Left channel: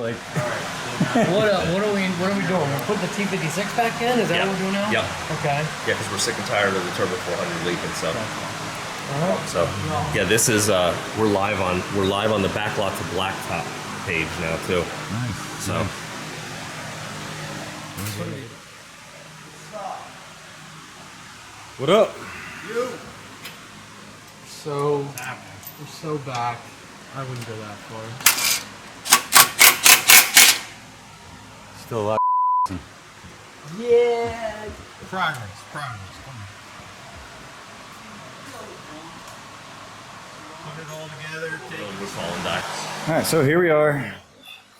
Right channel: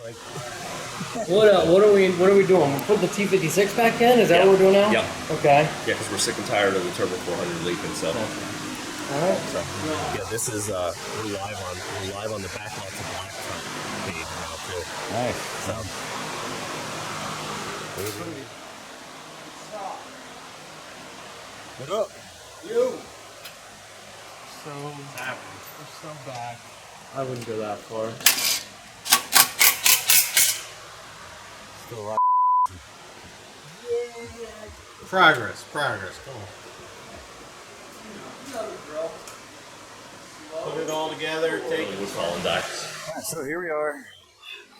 like. What are we doing? We're putting the T56 back in? Is that what we're doing now? Yep. Okay. Yeah, because we're sick and tired of the Turbo 400 leaking. So. All right. So yeah, this is we're live on the Backlot to Blacktop page now too. Nice. So. What up? So we're so back. I wouldn't go that far. Still a lot. Yeah. Progress. Come on. Put it all together. Take it. Wood fall and die. All right, so here we are.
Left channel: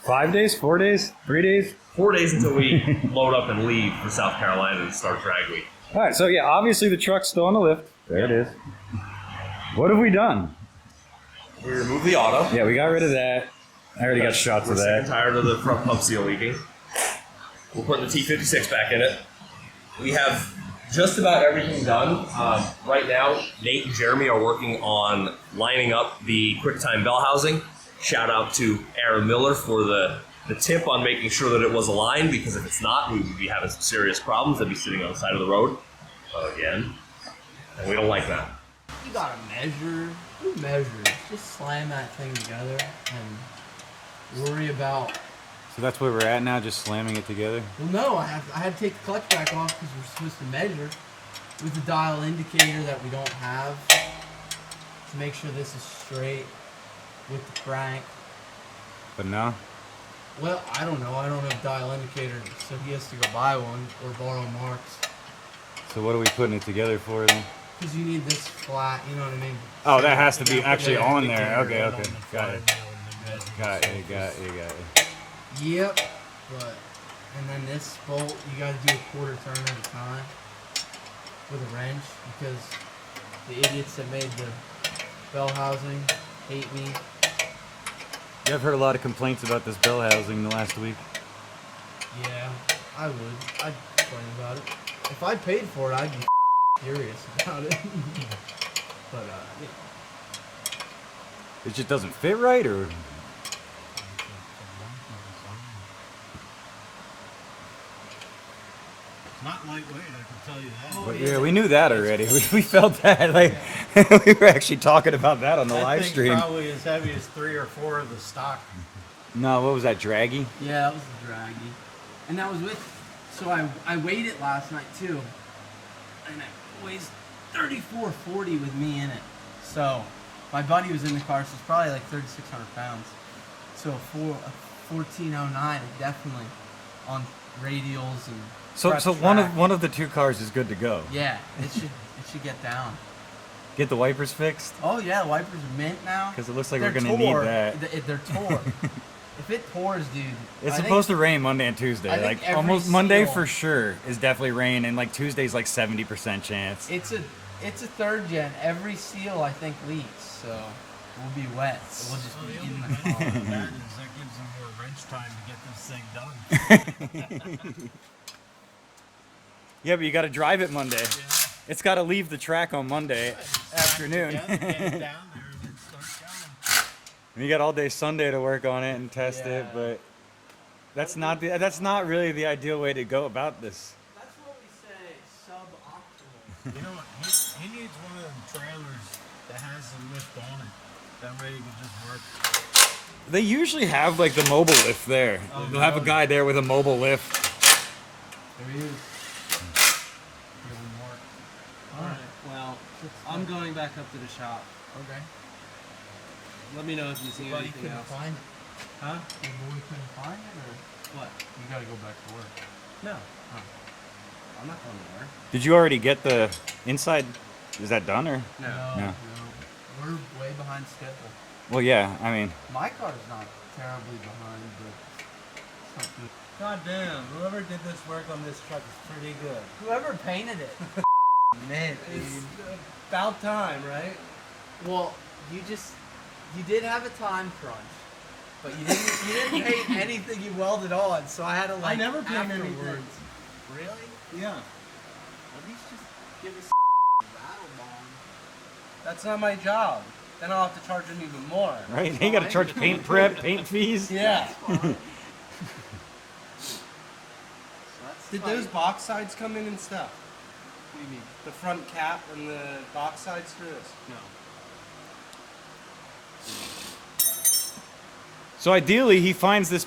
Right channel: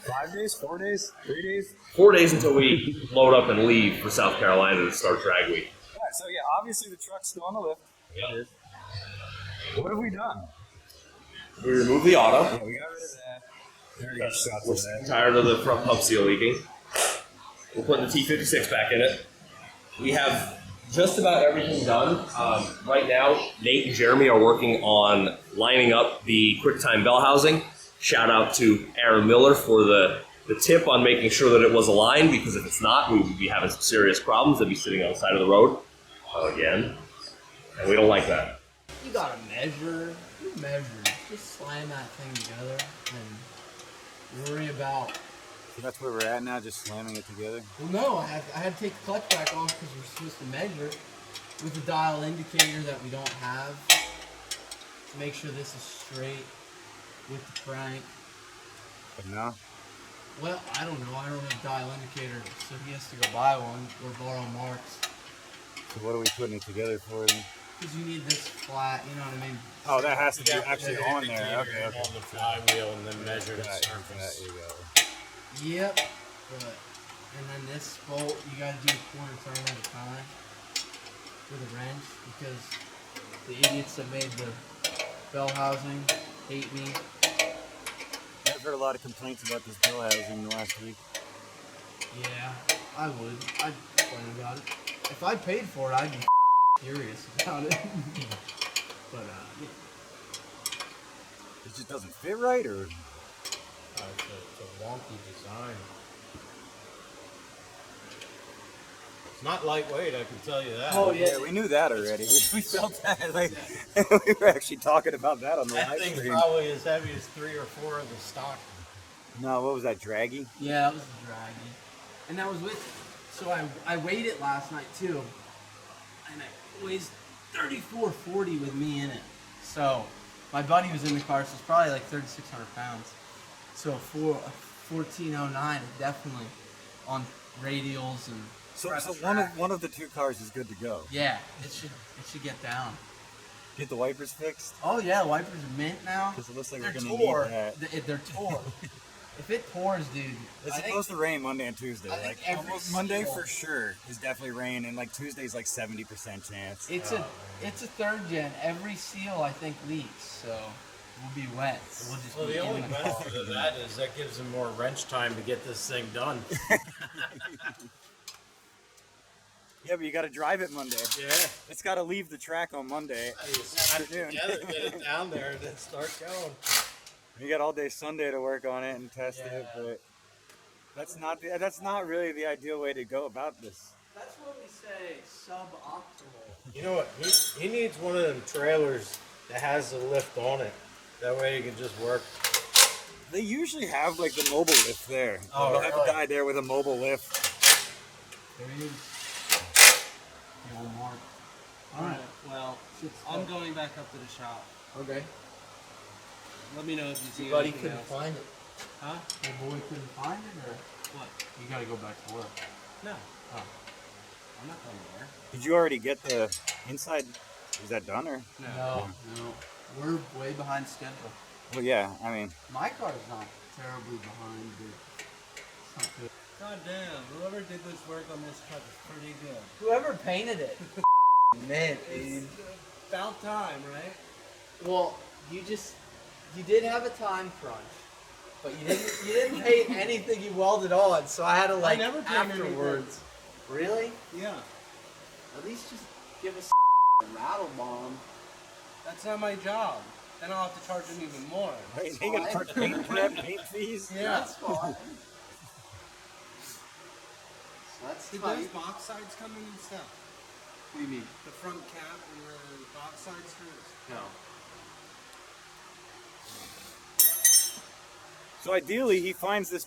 5 days, 4 days, 3 days. 4 days until we load up and leave for South Carolina to start drag week. All right, so yeah, obviously the truck's still on the lift. There it is. What have we done? We removed the auto. Yeah, we got rid of that. I already got shots We're of sick and that. tired of the front pump seal leaking. We're putting the T56 back in it. We have just about everything done. Right now, Nate and Jeremy are working on lining up the QuickTime bell housing. Shout out to Aaron Miller for the tip on making sure that it was aligned, because if it's not, we would be having some serious problems. They'd be sitting on the side of the road again, and we don't like that. You gotta measure. Who measures? Just slam that thing together and worry about. So that's where we're at now, just slamming it together? Well, no, I had to take the clutch back off because we're supposed to measure with the dial indicator that we don't have to make sure this is straight with the crank. But no? Well, I don't know. I don't have dial indicator, so he has to go buy one or borrow Mark's. So what are we putting it together for then? Because you need this flat, you know what I mean? Oh, that has to be You gotta put actually the on there. indicator Okay, in okay. on the Got it. flywheel and then measure the Got surface. it. Yep, but and then this bolt you gotta do a quarter turn at a time with a wrench because the idiots that made the bell housing hate me. Yeah, I've heard a lot of complaints about this bell housing the last week. Yeah, I would. I'd complain about it. If I paid for it, I'd be furious about it. But yeah. It just doesn't fit right, or? It's a wonky design. It's not lightweight, I can tell you that. Oh, Yeah, we knew that already. We felt that. Like, we were actually talking about that on the That live thing's stream. probably as heavy as 3 or 4 of the stock. No, what was that, draggy? Yeah, that was the draggy. And that was with, so I weighed it last night too. And it weighs 34.40 with me in it. So my buddy was in the car, so it's probably like 3,600 pounds. So for a 1409, it definitely on radials and So prep track. one of the two cars is good to go. Yeah, it should get down. Get the wipers fixed? Oh yeah, the wipers are mint now. Because it looks like They're we're gonna tore. need that. They're tore. If it pours, dude, It's I supposed to rain Monday and Tuesday. I think Like every almost Monday seal- for sure is definitely rain, and like Tuesday's like 70% chance. It's a third gen. Every seal I think leaks, so we'll be wet. So we'll just Well, be the in only the benefit car. of that is that gives them more wrench time to get this thing done. Yeah, but you got to drive it Monday. Yeah. It's got to leave the track on Monday You slap it afternoon. together, get it down there, and then start going. And you got all day Sunday to work on it and test it, Yeah. but that's not really the ideal way to go about this. That's what we say, suboptimal. You know what? He needs one of them trailers that has the lift on it. That way you can just work. They usually have like the mobile lift there. Oh, They'll have a really? guy there with a mobile lift. There he is. The old Mark. Alright, well, I'm going back up to the shop. Okay. Let me know if you see Your buddy anything couldn't else. find it. Huh? Your boy couldn't find it, or What? you gotta go back to work. No. Oh. I'm not going to work. Did you already get the inside? Is that done or? No. No. We're way behind schedule. Well, yeah. I mean, My car's not terribly behind, but it's not good. God damn, whoever did this work on this truck is pretty good. Whoever painted it. Man, It's about time, right? Well, you did have a time crunch, but you didn't paint anything you welded on, so I had to like I never paint anything. afterwards. Really? Yeah. At least just give us a rattle bomb. That's not my job. then I'll have to charge him even more. Right? That's You gotta fine. charge paint prep, paint fees. Yeah. That's fine. So that's Did tight. those box sides come in and stuff? What do you mean? The front cap and the box sides for this? No. So ideally, he finds this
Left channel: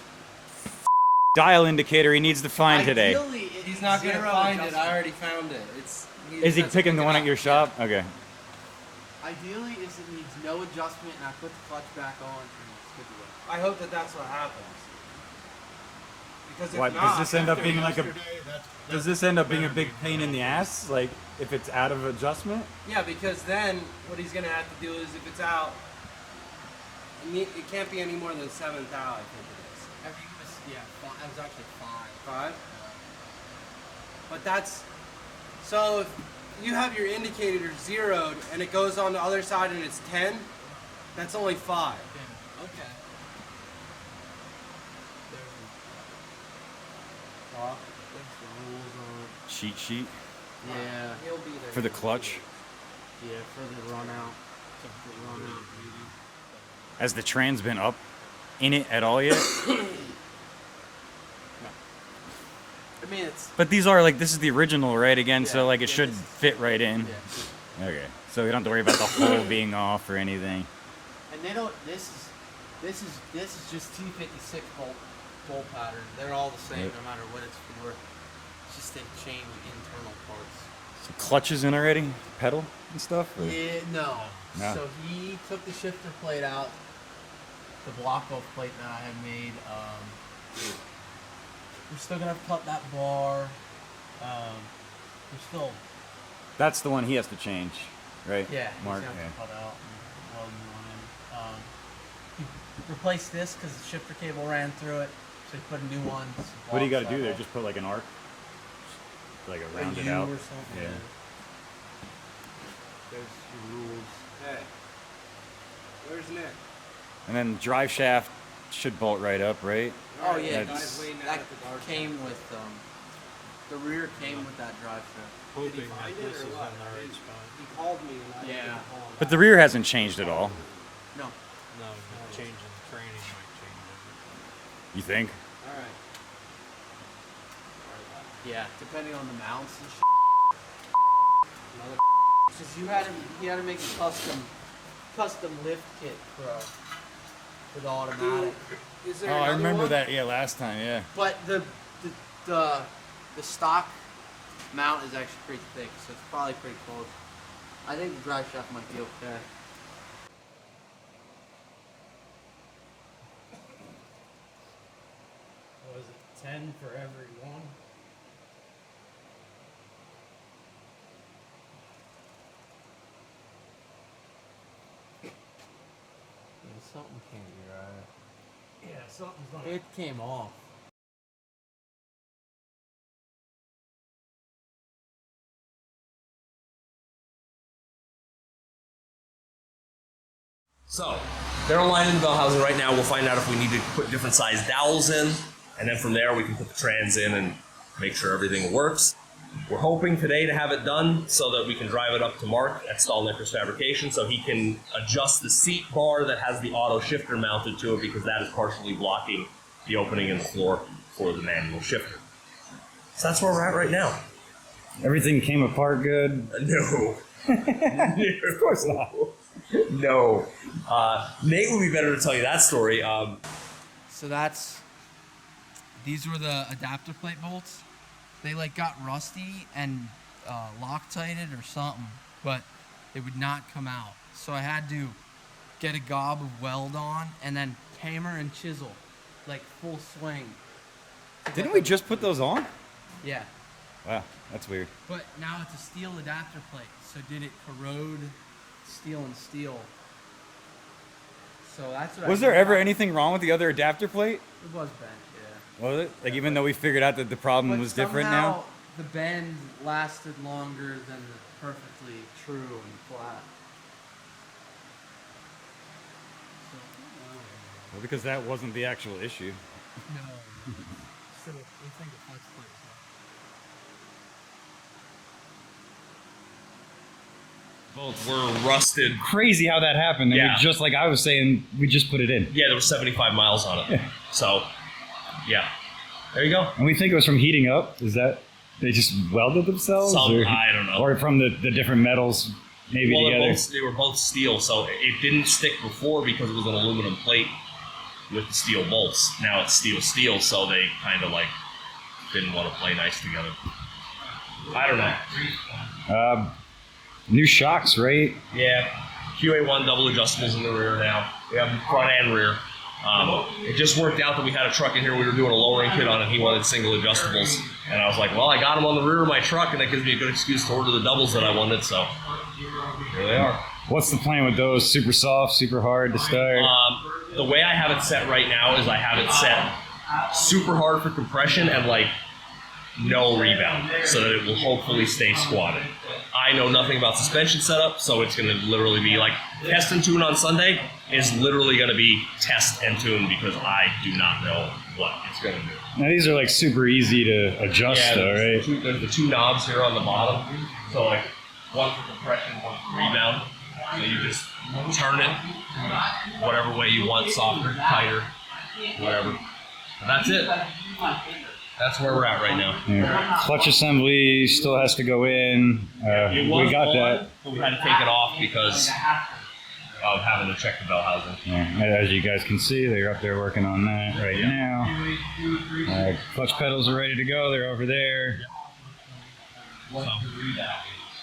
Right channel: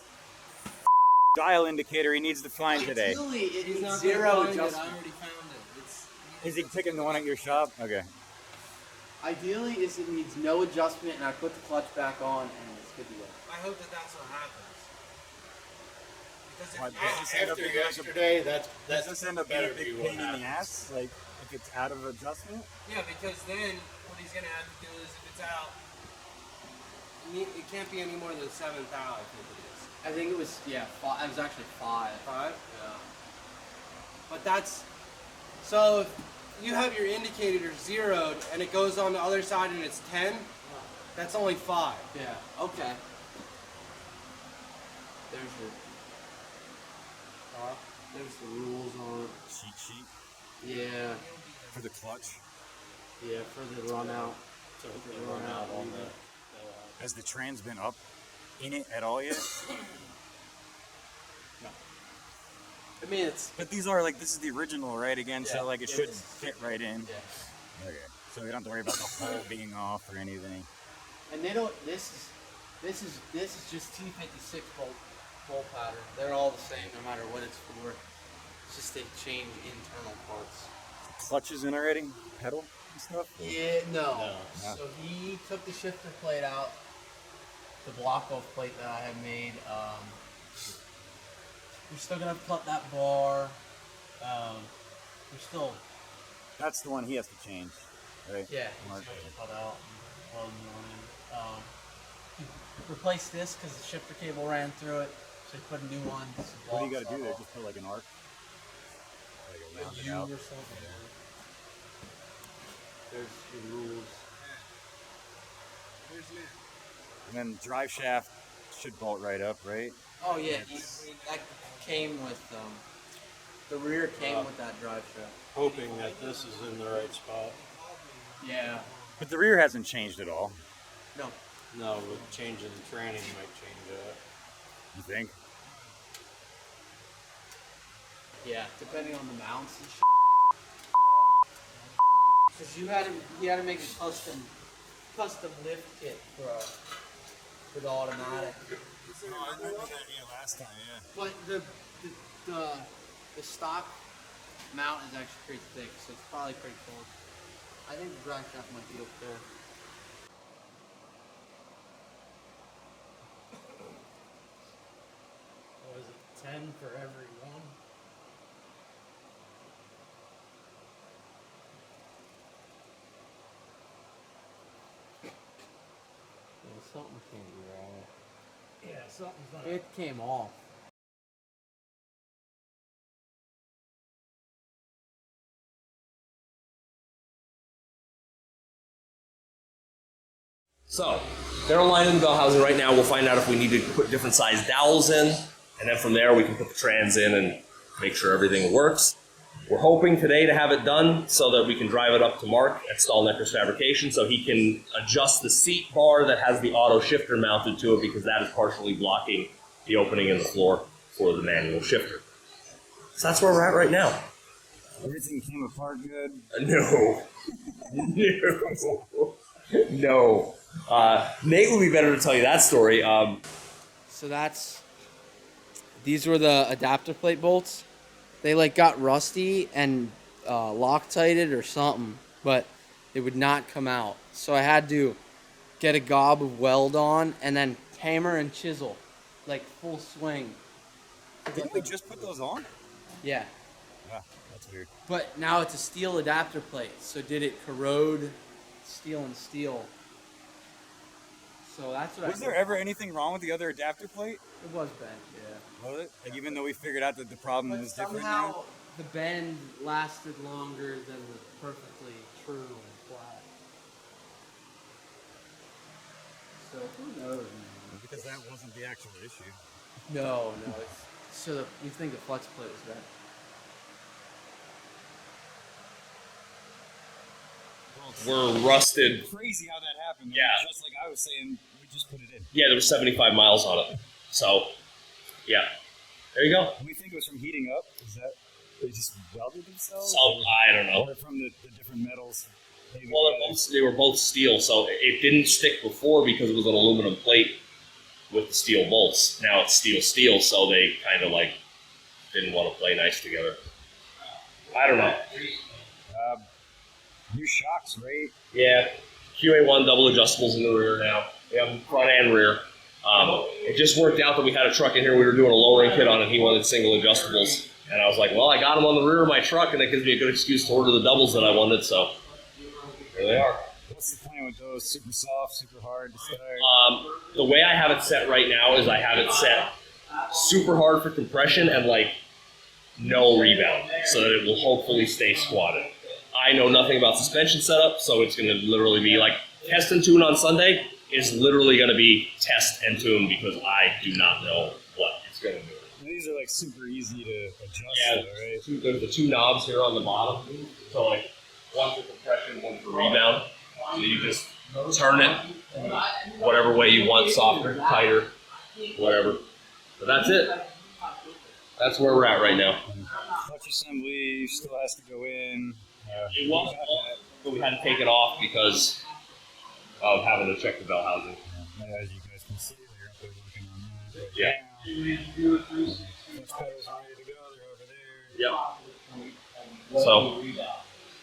dial indicator he needs to find today. Ideally, it He's needs not gonna zero find it. adjustment. I already found it. Is he that's picking the good one at enough. your shop? Okay. Ideally, is it needs no adjustment, and I put the clutch back on, and it's good to go. I hope that that's what happens. Because if What, not, does this end up After being like a? yesterday, Does this end up being a better big be what pain in the happens. ass? Like if it's out of adjustment? yeah, because then what he's gonna have to do is if it's out, it can't be any more than 7th out. I think it is. I think it was, yeah, it was actually 5. 5. Yeah. But that's so if you have your indicator zeroed and it goes on the other side and it's 10, that's only 5. Yeah, okay. There's the rules on Cheat sheet it. Yeah, He'll be there. for the clutch. yeah, for the run out. Has the trans been up in it at all yet? I mean, it's, But these are like this is the original, right? Again, so Yeah, like it yeah, should this is- fit right in. yeah. Okay. So we don't have to worry about the hole being off or anything. And they don't, this is just T56 bolt pattern. They're all the same no matter what it's for. It's just they change internal parts. So clutches in already, pedal and stuff. Or- Yeah, no. No. So he took the shifter plate out, the block off plate that I had made. We're still gonna have to cut that bar. We're still, That's the one he has to change, right? yeah, Mark. he's gonna yeah. have to cut out and weld new one in. He replaced this because the shifter cable ran through it, so he put a new one. What do you got to do there? Just put like an arc, like a a rounded U out. or something. Yeah. There's your rules. Hey, where's Nick? And then drive shaft should bolt right up, right? Oh yeah, That's- that came with the rear came with that drive shaft. Hoping that this is in the right spot. He called me. And I Yeah. didn't call him. But the rear hasn't changed at all. No, No, with changing the training might change it. You think? All right. yeah, depending on the mounts and shit. Another Because you had to make a custom lift kit for the automatic. Is Oh, there I another remember one? that. Yeah, last time. Yeah. But the stock mount is actually pretty thick, so it's probably pretty close. I think the drive shaft might be okay. What was it, 10 for every one? Yeah, something can't be right. Yeah, something's not. It came off. So, they're online in the bell housing right now. We'll find out if we need to put different size dowels in, and then from there we can put the trans in and make sure everything works. We're hoping today to have it done so that we can drive it up to Mark at Stahlneckers Fabrication so he can adjust the seat bar that has the auto shifter mounted to it because that is partially blocking the opening in the floor for the manual shifter. So that's where we're at right now. Everything came apart good. No. No. Of course not. No. Nate would be better to tell you that story. So these were the adapter plate bolts. They like got rusty and Loctited or something, but they would not come out. So I had to get a gob of weld on and then hammer and chisel, like full swing. Didn't we just put those on? Yeah, Wow, that's weird. but now it's a steel adapter plate. So did it corrode steel and steel? So that's what Was I there did. ever anything wrong with the other adapter plate? It was bent, yeah. Was it? Like even though we figured out that the problem But was different somehow now? the bend lasted longer than the perfectly true and flat. So who knows? Well, because that wasn't the actual issue. No. It's, so we think the flex plate was that. were rusted. Crazy how that happened. And Yeah. we just like I was saying, we just put it in. Yeah, there was 75 miles on it. So, yeah. There you go. And we think it was from heating up. Is that they just welded themselves? I don't know. Or from the different metals maybe Well, together? they were both steel, so it didn't stick before because it was an aluminum plate with the steel bolts. Now it's steel, so they kind of like didn't want to play nice together. I don't know. New shocks, right? Yeah, QA1 double adjustables in the rear now. We have front and rear. It just worked out that we had a truck in here we were doing a lowering kit on, and he wanted single adjustables. And I was like, well, I got them on the rear of my truck, and that gives me a good excuse to order the doubles that I wanted, so here they are. What's the plan with those? Super soft, super hard to start? The way I have it set right now is I have it set super hard for compression and like no rebound, so that it will hopefully stay squatted. I know nothing about suspension setup, so it's going to literally be like test and tune on Sunday is literally going to be test and tune because I do not know what it's going to do. Now these are like super easy to adjust though, right? There's the two knobs here on the bottom, so like one for compression, one for rebound. So you just turn it whatever way you want, softer, tighter, whatever. But that's it. That's where we're at right now. Yeah. Clutch assembly still has to go in. It We was got on, that. but we had to take it off because of having to check the bell housing. Yeah. As you guys can see, they're up there working on that right now. Clutch pedals are ready to go. They're over there. Yep. So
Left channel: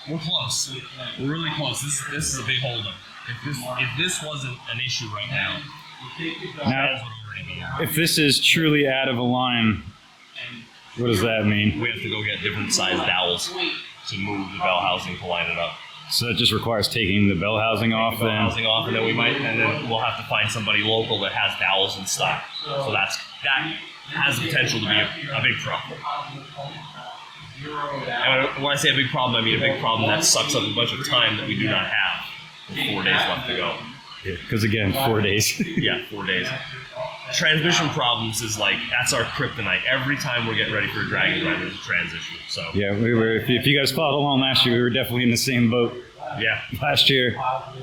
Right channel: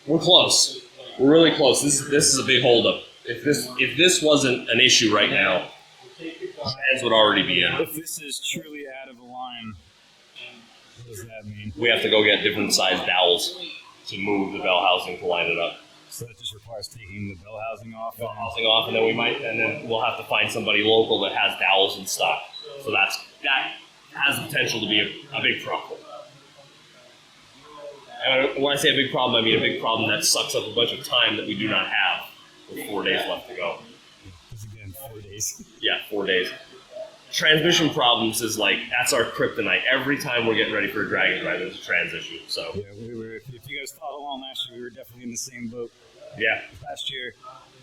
we're close. We're really close. This is a big holdup. If this wasn't an issue right now, fans would already be in. If this is truly out of a line, what does that mean? We have to go get different size dowels to move the bell housing to line it up. So that just requires taking the bell housing off Bell then? housing off, and then we'll have to find somebody local that has dowels in stock. So that has the potential to be a big problem. And when I say a big problem, I mean a big problem that sucks up a bunch of time that we do not have with 4 days left to go. Because again, 4 days. Yeah, 4 days. Transmission problems is like, that's our kryptonite. Every time we're getting ready for a dragon drive, there's a trans issue. So Yeah, we were. If you guys followed along last year, we were definitely in the same boat yeah, last year.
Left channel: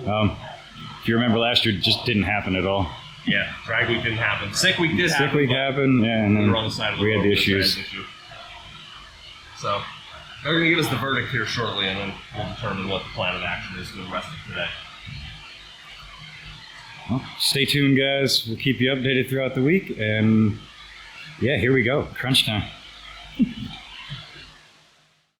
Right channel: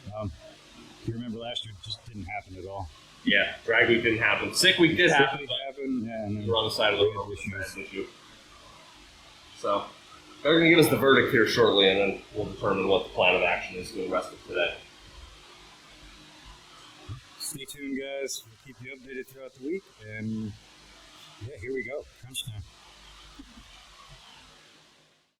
If you remember, last year it just didn't happen at all. yeah. Drag week didn't happen. Sick week did happen. Sick week but happened, yeah, and We then were on the side of the we road had the with issues. trans issue. So they're going to give us the verdict here shortly, and then we'll determine what the plan of action is for the rest of today. Well, stay tuned, guys. We'll keep you updated throughout the week, and yeah, here we go, crunch time.